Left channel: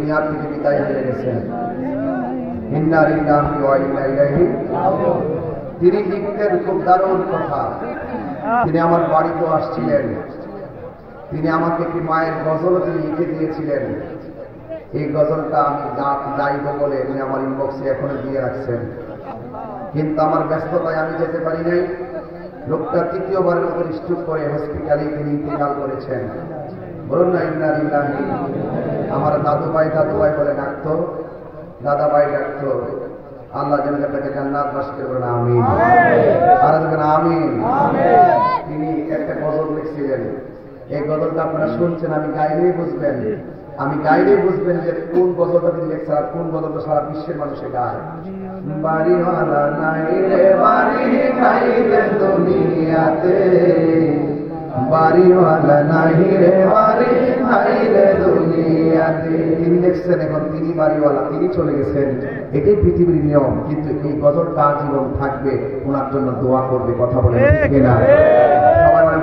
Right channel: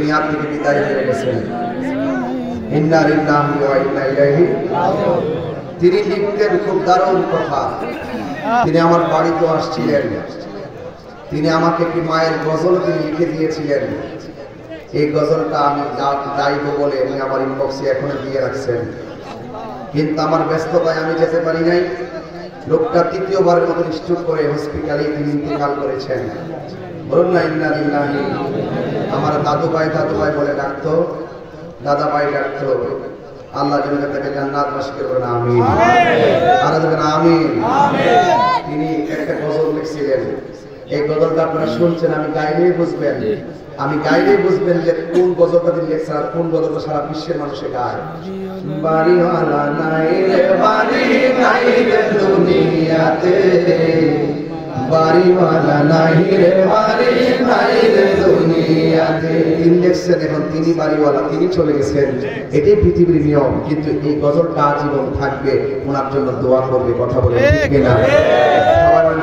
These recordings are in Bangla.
দুনিয়া থেকে বিদায় হয়ে গেছেন। ইন্না লিল্লাহি ওয়া ইন্না ইলাইহি রাজিউন। তিনি লিখতেন খুব দারুণ কথা। তিনি আমার বাড়িতে আসছিলেন, তিনি আমাকে একটি মায়ের গজল তিনি লিখে দিয়েছিলেন। এই গজলটা আমি গাইব বলে উনি আমার ইনবক্সে এখনো দিয়ে রাখছেন, কিন্তু আমার ব্যস্ততায় আমি যেতে পারি নাই। লোকটা তৃতীয়বারের মতো স্ট্রোক করে হসপিটালে তিনি ইন্তেকাল করেছেন। বলুন না ইন্না লিল্লাহি। আমার দাদু ভাই বলে ডাকতো, দাদা ভাই ডাকতো। আল্লাহ যেন তাকে জান্নাতবাসী করবেন, আমিন। আর দেখেন আমিন। তিনি একটা গজল লিখছিলেন, এই গজলটা আপনারা শুনছেন, আমি গাইলেই বুঝবেন যে কোন গজলটা তিনি লিখছেন আর কোন গজলটা সারা বিশ্বের মানুষে গায়। বাড়িওয়ালা নাই রে বাড়ি নাই রে দুনিয়াতে, বাড়িওয়ালা নাই রে বাড়ি নাই রে দুনিয়াতে। তিনি লিখছেন, এখন তিনি বাড়িওয়ালা, তিনি চলে গেছেন, এটাই পৃথিবীর নিয়ম। কিন্তু এই গজলটা জীবন থাকবে, ওনার জন্য দোয়া করবে। কথা বলে ঠিক না?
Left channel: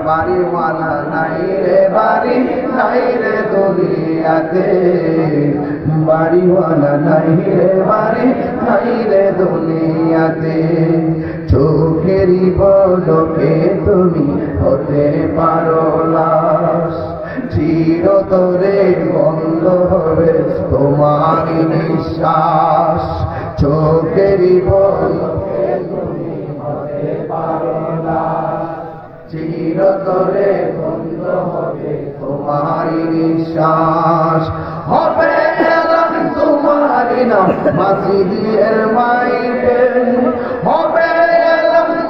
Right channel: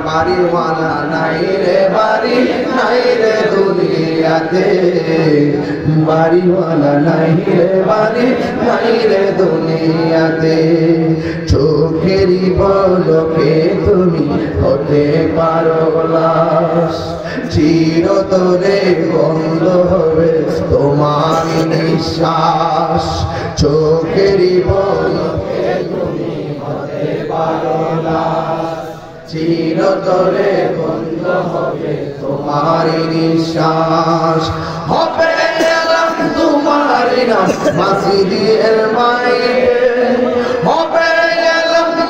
বাড়িওয়ালা নাই রে বাড়ি নাই রে দুনিয়াতে, বাড়িওয়ালা নাই রে বাড়ি নাই রে দুনিয়াতে। চোখেরই পলকে তুমি হতে পারো লাশ, চিরতরে বন্ধ হবে তোমার নিঃশ্বাস। চোখেরই পলকে তুমি হতে পারো লাশ, চিরতরে বন্ধ হবে তোমার নিঃশ্বাস। হবে তোমার নাম মসজিদের মাইকে, হবে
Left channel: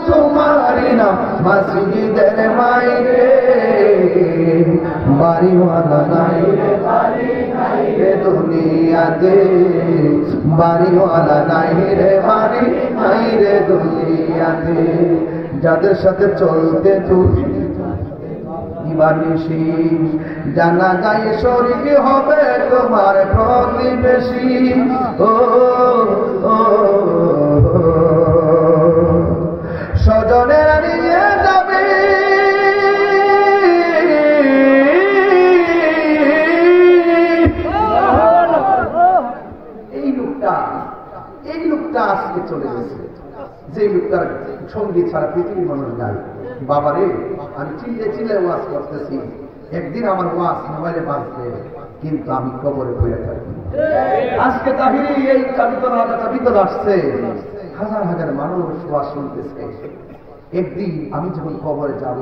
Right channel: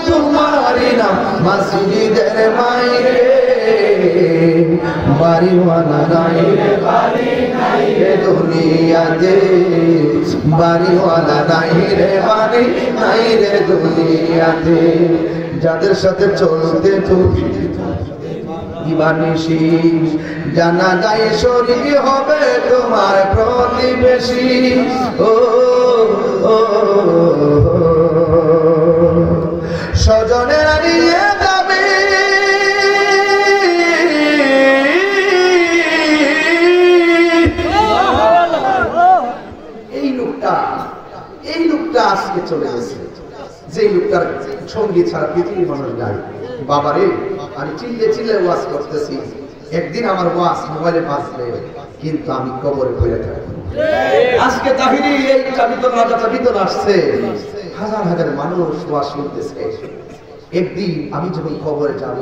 তোমার নাম মসজিদের মাইকে। বাড়িওয়ালা নাই রে বাড়ি নাই রে দুনিয়াতে, বাড়িওয়ালা নাই রে বাড়ি নাই রে দুনিয়াতে। যাদের সাথে চলতে তুমি দিবানিশি, জানা যায় শরীর হবে তোমার প্রতিবেশী। ও স্বজনের নিয়ে যাবে, এই লোকটা আজকে চলে গেছে, যে লোকটার সঙ্গী ছাড়া পৃথিবীর মানুষ গায়। বাবারে, আমি চিল্লে ওয়াজ করতেছি, একদিন আমার ওয়াজ মোবাইলে বাজবে, কিন্তু আমি কবরে পড়ে থাকি। আজকে তাহিরি এই চাবিতলা আসছে, হাজার হাজার মানুষ ওয়াজ শুনতেছে। একদিন আমি যখন কবরে যাব,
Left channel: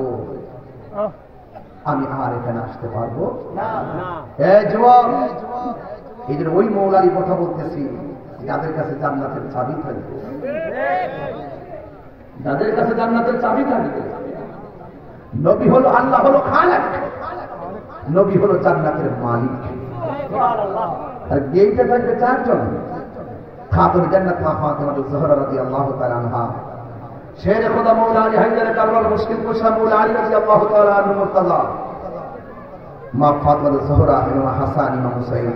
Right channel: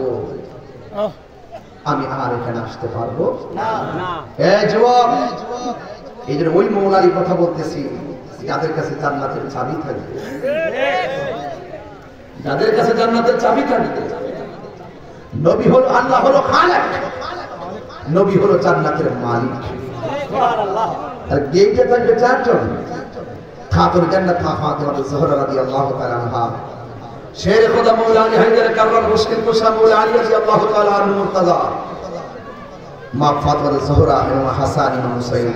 আমি আর এখানে আসতে পারবো না। এই যুবক, এই জন্য ওই মৌলারই কথা বলতেছি, যাদের কাছে জান্নাতের চাবি থাকবে, যাদের কাছে জান্নাতের চাবি থাকবে। নবী হলো, আল্লাহ হলো খালেক, নবী হলো জান্নাতের মালিক। আর গেইটে থাকবে চারজন, খাতুন জান্নাত মা ফাতিমা জোহরা রাদিয়াল্লাহু তাআলা আনহা, শের খোদা মৌলা আলী হায়দার কাররার মুশকিল কুশা মৌলা আলী রাদিয়াল্লাহু তাআলা আনহু মুর্তজা, মা ফাতিমা জোহরা এবং হাসান ইমাম হুসাইন।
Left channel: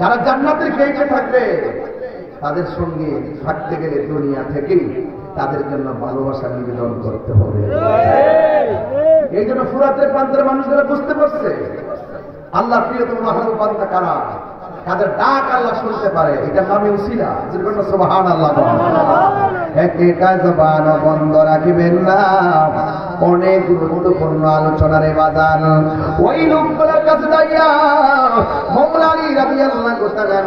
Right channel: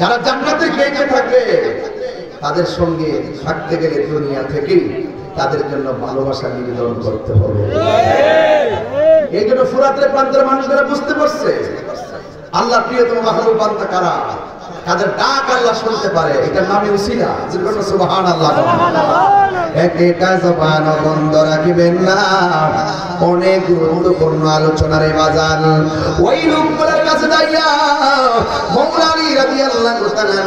যারা জান্নাতের গেইটে থাকবে, তাদের সঙ্গে থাকতে গেলে দুনিয়া থেকে তাদের জন্য ভালোবাসা নিবেদন করতে হবে। এই জন্য ফুরাতের প্রান্তের মানুষরা বুঝতে পারছে আল্লাহ প্রিয়তম মাহবুব বান্দা কারা, তাদের ডাক আল্লাহ শুনতে পারে। এটার নামই উসিলা। সুবহানাল্লাহ। একটা জবান বন্ধ রাখবেন না, অনেক গুরুত্বপূর্ণ আলোচনার বাজার। ওই লোকগুলোর কাছে যাইয়া মওলা আলী রাদিয়াল্লাহু তাআলা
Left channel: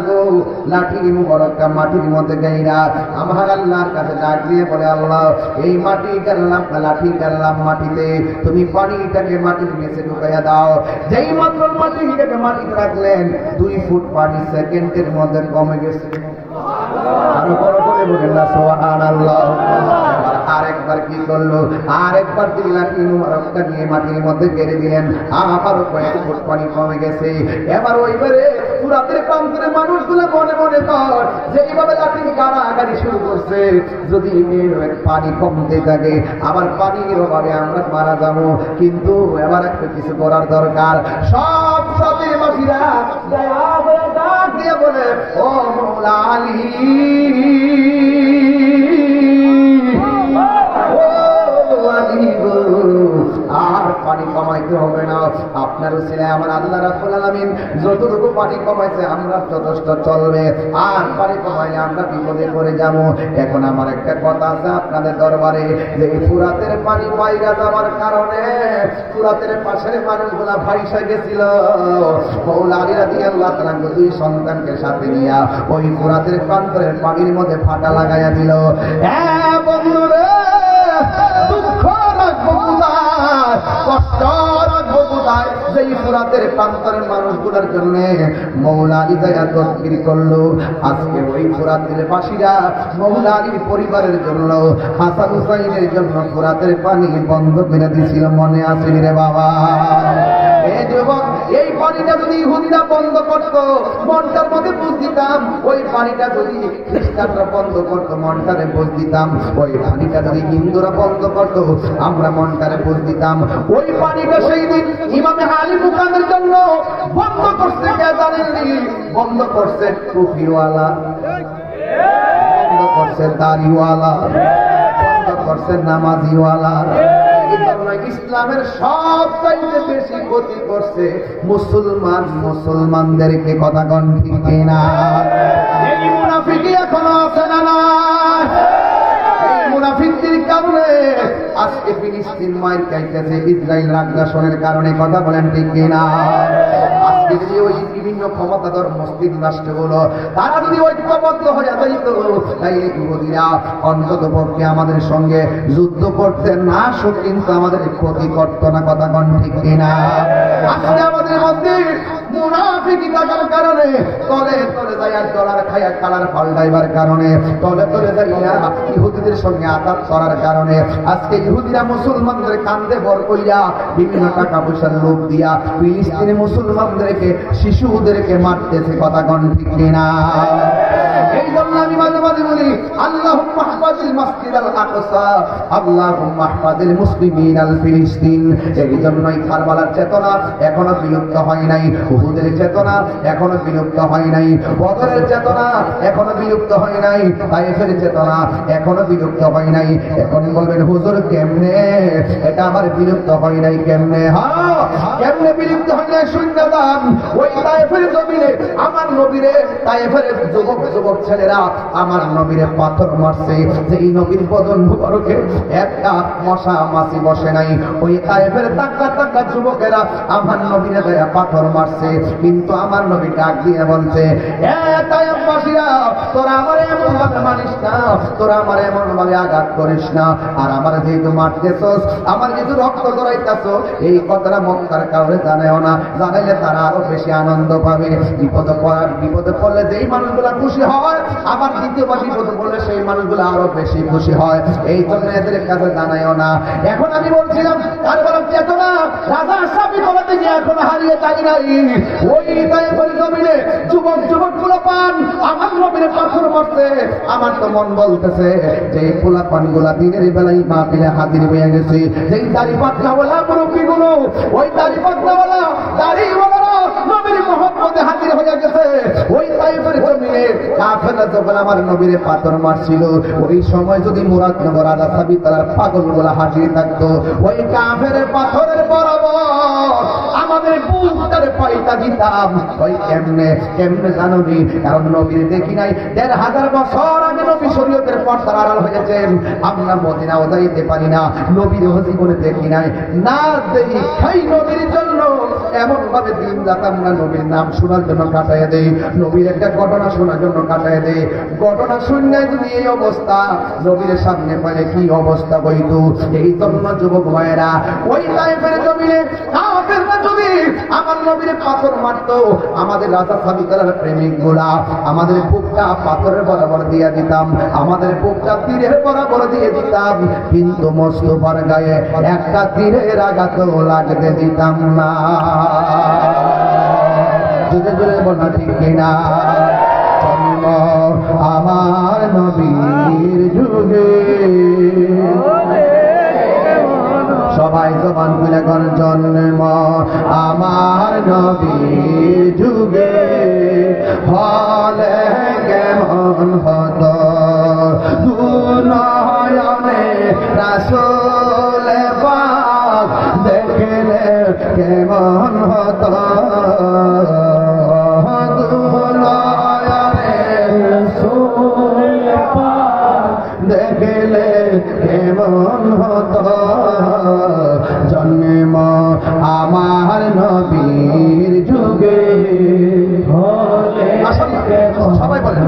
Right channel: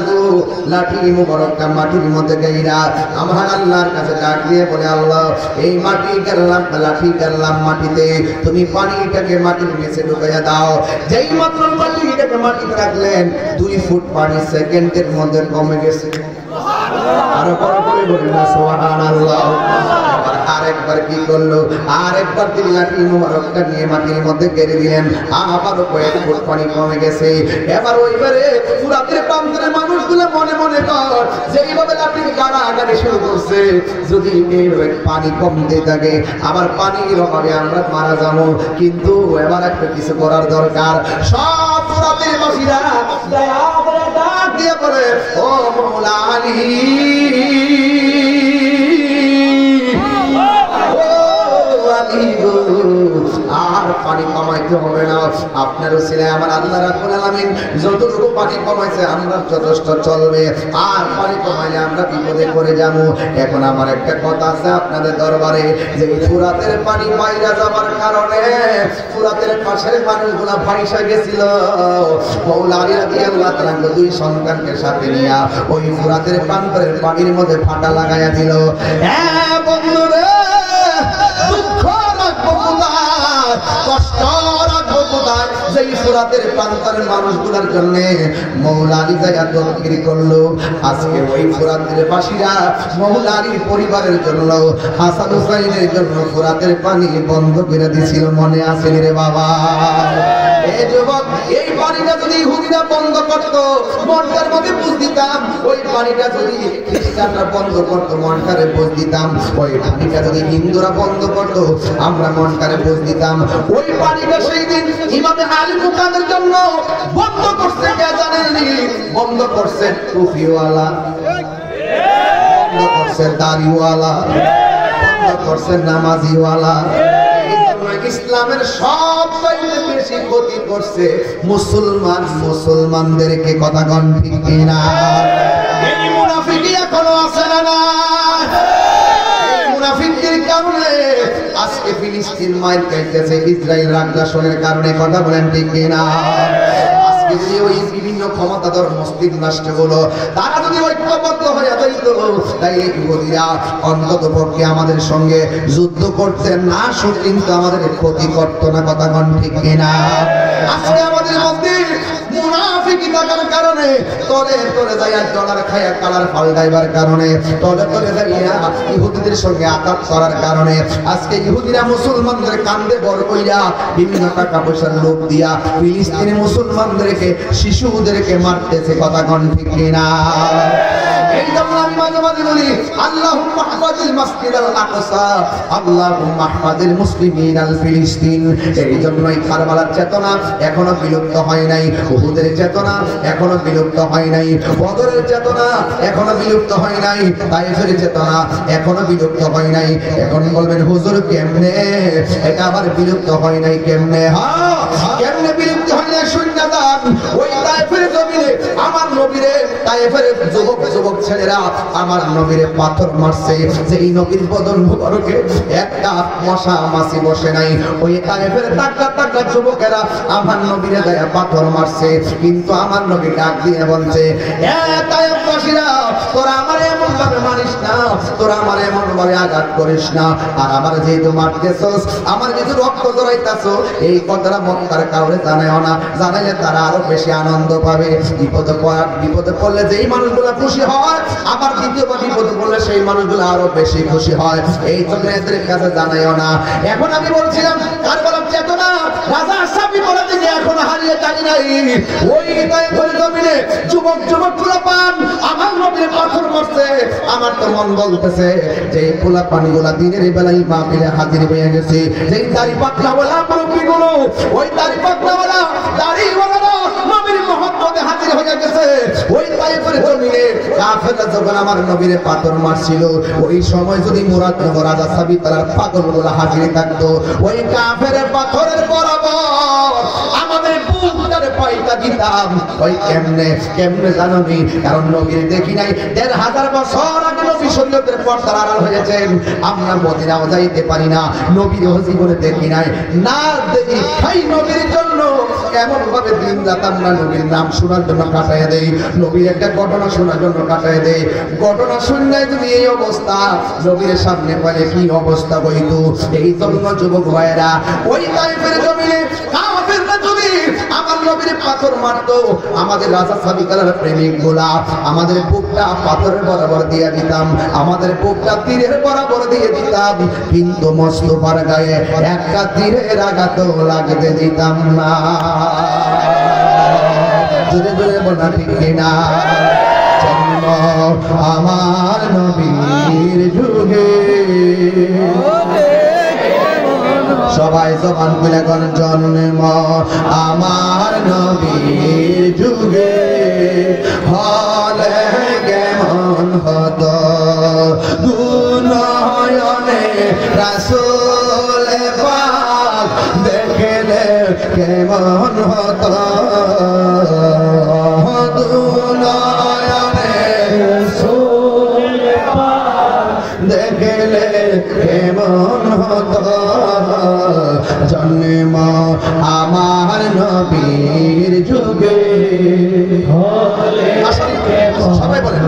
লাঠি মুবারকটা মাটির মধ্যে গাইরা আমার আল্লাহর কাছে ডাক দিয়ে বলে, আল্লাহ এই মাটি গেলাম, লাঠি গেলাম মাটিতে, তুমি পানিটাকে মাটির নিচে ঢুকাইয়া দাও। যেই মাত্র মাটিটাকে মাটিতে রাখলেন, 2 ফুট পানি সেকেন্ডের মধ্যে কমে গেছে। আরো বড় করে বলেন না সুবহানাল্লাহ। আরেকবার কি করলো, আরেকবার তিনি লাঠি মুবারকটা নিয়ে মাটির মধ্যে গেড়ে দিলেন, আবারও কয়েক ফুট পানি কমে গেছে। এবার ওইবারে ফুরাতের প্রান্তের মানুষগুলো মনে মনে কর যে এইভাবে লাঠি গাড়াগাড়ি শুরু করছে, যদি পানি কমতে থাকে, আবার পানির অভাবে আমরা মারা যাবো। কিন্তু এবার একটা কিছু করার দরকার। সব ফুরাতের বাসীরা ডাক দিয়ে বলে, ও মওলা আলী, আর পানি কমাইতে হবে না, আপনার বলেছিলেন আমার আল্লাহ রাব্বুল আলামিন যতটুকু পানি কমাইছে আমরা যথেষ্ট চলবে, আর পানি কমাইলে আমরা বিপদে পড়ে যাবো। এখন আমার একটা কথা আছে আপনাদের দরবারে, যে ফুরাতের পানি বাইরে যাওয়ার কারণে ফুরাতের পাশের মানুষগুলা ভাইসা গেছিল। মাওলা আলী রাদিয়াল্লাহু তাআলা দুই সন্তানকে সাথে নিয়ে ওই ফুরাতের প্রান্তরের পানির মধ্যে ফাটা লাগাইয়া দিল। হ্যাঁ বন্ধুরে, দুঃখ রাখবো কোথায়, কষ্ট রাখবো কোথায়, যেই ফুরাতের প্রান্তরের মানুষগুলোর জন্য মাওলা আলী যায়া তদবির করলো। আজকে ওই ফুরাতের বাসীরা মাওলা আলীর পরিবারের জন্য, হাসান হুসাইনের জন্য ফুরাতের পানি বন্ধ করে দিছিল। মনে আছে রে বাবা? এই যুবক, এই পানিটা যদি ইহুদিরা বন্ধ করতো মনটার মধ্যে বুঝ দিতাম। ওই পানিটা যদি খ্রিস্টানরা বন্ধ করতো মনটারে বুঝ দিতাম। ওই পানিটা যদি হিন্দুরা বন্ধ করতো আমরা মনটারে বুঝ দিতাম। ওই পানিটা সেই দিন ইমামে আলী মুকামের জন্য বন্ধ করছে কে জানেননি? বন্ধ করছে টুপিওয়ালা, বন্ধ করছে দাড়িওয়ালা, বন্ধ করছে নামাজিওয়ালা। ইসলামের সবচাইতে বেশি ক্ষতি করছে মুসলমানদেরকে। কথা কোন ঠিক কিনা? এই মুনাফিকি এখনো আছে না না? এই মুনাফিকদের কারণে আজকে ফিলিস্তিন মাইর খাইতেছে ইসরায়েল আগ্রাসনের কারণে। কথা বলেন ঠিক কিনা? যদি ওই বিভিন্ন ক্ষমতাধর মসজিদ রাষ্ট্রগুলো তারা যদি ঐক্যবদ্ধ হয়ে যাইত, তাইলে ইহুদিরা অন্তত পক্ষে আমাদের সঙ্গে যুদ্ধ করতে না শুধু কিন্তু আমাদের ক্ষতি করত না। কথা কোন ঠিক কিনা? আজকে আমাদের মধ্যে মুনাফিকি থাকার কারণে তলে তলে যাইয়া ডলার খায়া কালার পাল্টাইবার কারণে, তলে তলে যাইয়া ইহুদিদের সঙ্গে আঘাত করার কারণে আজকে ইহুদিরা মুসলমানদের কান্দে বর কইরা বিভিন্ন টাকা পয়সার লোভ দিয়া ফিলিস্তিনি মুসলমানদেরকে, শিশুদেরকে মারতেছে। কথা কোন ঠিক কিনা? এই জন্য আমি মাঝে মাঝে বলি আল্লাহুম্মা হাফাজিল মাসজিদাল আকসা, আল্লাহুম্মা হাফাজিল মুসলিমিন আল ফিলিস্তিন। এই জন্যই কারবালার চেতনা এখনো বিলুপ্ত হয় নাই, উহুদের চেতনা এখনো বিলুপ্ত হয় নাই, বদরের চেতনা এখনো বিলুপ্ত হয় নাই, তায়েফের চেতনা এখনো বিলুপ্ত হয় নাই। এখন বলবেন হুজুর কেমনে এটা আবার বিলুপ্ত হয় নাই? কেমনে? হ্যাঁ, কেমনে বিলুপ্ত হয় নাই শুননা দাম। ওই তায়েফের জমিনে আমার নবীরে, তায়েফের যুবক ছেলেরা আমার নবীরে পাথর মারছে। যেই নবীর বদন মুবারকে একটা মশা মাছি বসে নাই, ওই তায়েফের টাকা টাকা যুবকেরা আমার নবীরে গায়ে পাথর মারছে। কিন্তু আমার নবী ডাক দিয়ে বলছে, এ তায়েফবাসীরা, তোরা আমার এমন ভাবে মারিস না, তোরা আমার এমন ভাবে আঘাত করিস না। আর আমার যেহেতু মারতেছস, আমার যেহেতু রক্ত জড়াইতাছো, এই কথাটা মক্কার কাউরে জানাও না। জানাইলে তারা আরো বেশি আনন্দ পাবে। বিপদে পড়লে যেই মানুষগুলা খুশি হয়, আবার দ্বিতীয়বার বিপদে পড়লে সেই মানুষগুলো আরো বেশি খুশি হয়। এই জন্য এদের কাছে জানাইও না। এখন আমি বলছিলাম কারবালার চেতনা রাজা আশরাফি বলে দিকে এখন হারিয়ে যাই নাই। ওই তায়েফের জমিনে যুবকগুলো পান আমার নবীর পাথর মারছে। আমার তো মন বলতেছে যে এই পোলা পানিগুলা দিনের বেলায় মাহফিলে হাজির হয়ে গেছে। যেই দাড়ি পাকনাওয়ালা মুরব্বিগুলো, ওই দাড়ি পাকনাওয়ালা দাড়িওয়ালারা নবীর মহব্বতে হাজির হয়ে গেছে। ওই তায়েফের জমিনে কাফেররা যখন আমার নবীর পাথর মারছিল, ওই সময় যদি মুরাদনগর রাজা সাবিত তার পাগলগুলা হাজির থাকতো, ওই কাফের পাথরের বরাবর আমাদের বুকটারে পাইতা দিতাম। ওই কেমনে জানবি? কারণ নবীর দেখি নাই। ১৫০০ বছর আগে নবী শরীয়তের পর্দার আড়াল হয়েছেন। আমরা মদিনাও যাইতে পারি না, নবীর জীবনে দেখি নাই। না দেখি খাই নবীর জন্য এমন ভাবে দিন রাত আমরা নবীর নাম শোনার জন্য কাটাইয়া দেই, নবীর একটা ঘটনা শোনার জন্য কাটাইয়া দেই। ঘটনা শুনলে যদি এই অবস্থা, নবীর সামনে পাইলে কি অবস্থা হইতো? এই জন্য যুবক ভাইয়েরা, ওই তায়েফের জমিনে কাফেররা যদি আমার নবীর পাথর মারতো, আমাদের রাজা সাবিকার প্রেমিক গুলা আমাদের বুকটা পাথরের বরাবর দিয়ে দিতাম, আমাদের বুকটা তীরের বরাবর দিয়ে দিতাম। কিন্তু মোস্তফার গায়ে একটা তীরের আঘাত লাগতে দিতাম না। জোরে জোরে বলা ঠিক কিনা? জন্ম আমার নবীর যুগে, সবাই জবান খুলে কোন জন্ম আমার নবীর যুগে হলে কেমন হতো দুনয়নে রাসূল পাক দেখলে কেমন কেমন হতো দুনয়নে রাসূল পাক দেখলে কেমন হতো জন্ম আমার নবীর যুগে সবাই বলেন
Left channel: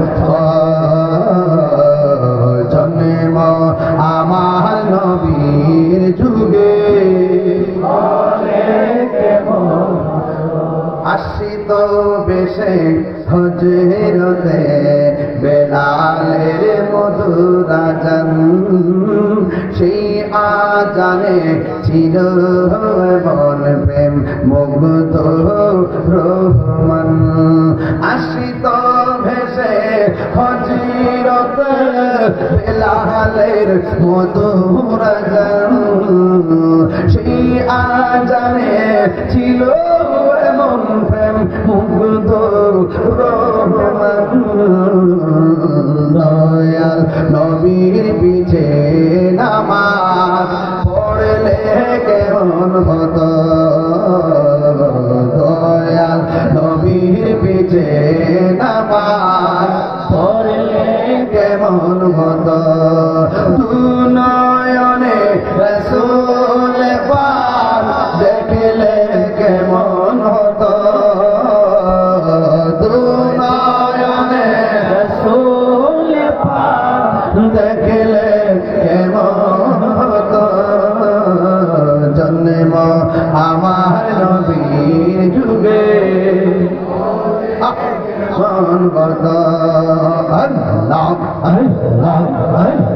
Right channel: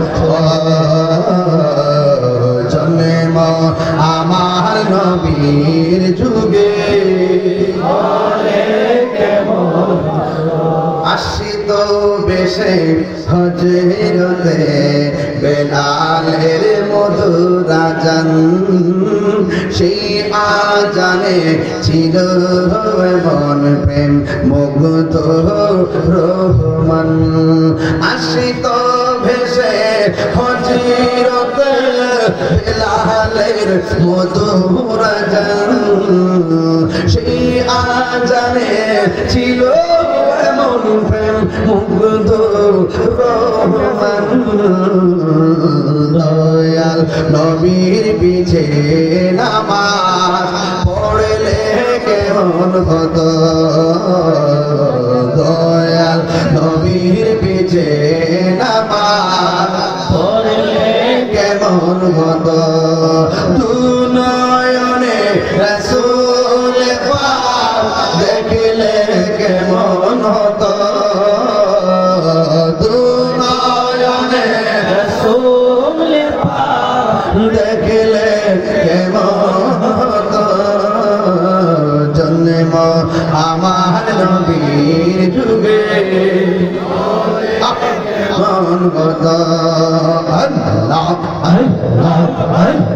জন্ম আমার নবীর যুগে আসিত বেশে হজরতে বেলালের মধুর আজান সেই আজানে ছিল মন প্রেম মুগ্ধ রহমান আসিত ভেসে হজরতে বেলালের মধুর আজান সেই আজানে ছিল এমন প্রেম মুগ্ধ রহমান দয়াল নবীর পিছে নামাজ পড়লে কেমন হতো দয়াল নবীর পিছে নামাজ পড়লে কেমন হতো দুনয়নে রাসূল পাক দেখলে কেমন হতো দুনয়নে রাসূল পাক দেখলে কেমন হতো জন্ম আমার নবীর যুগে মন হতো আল্লাহ আল্লাহ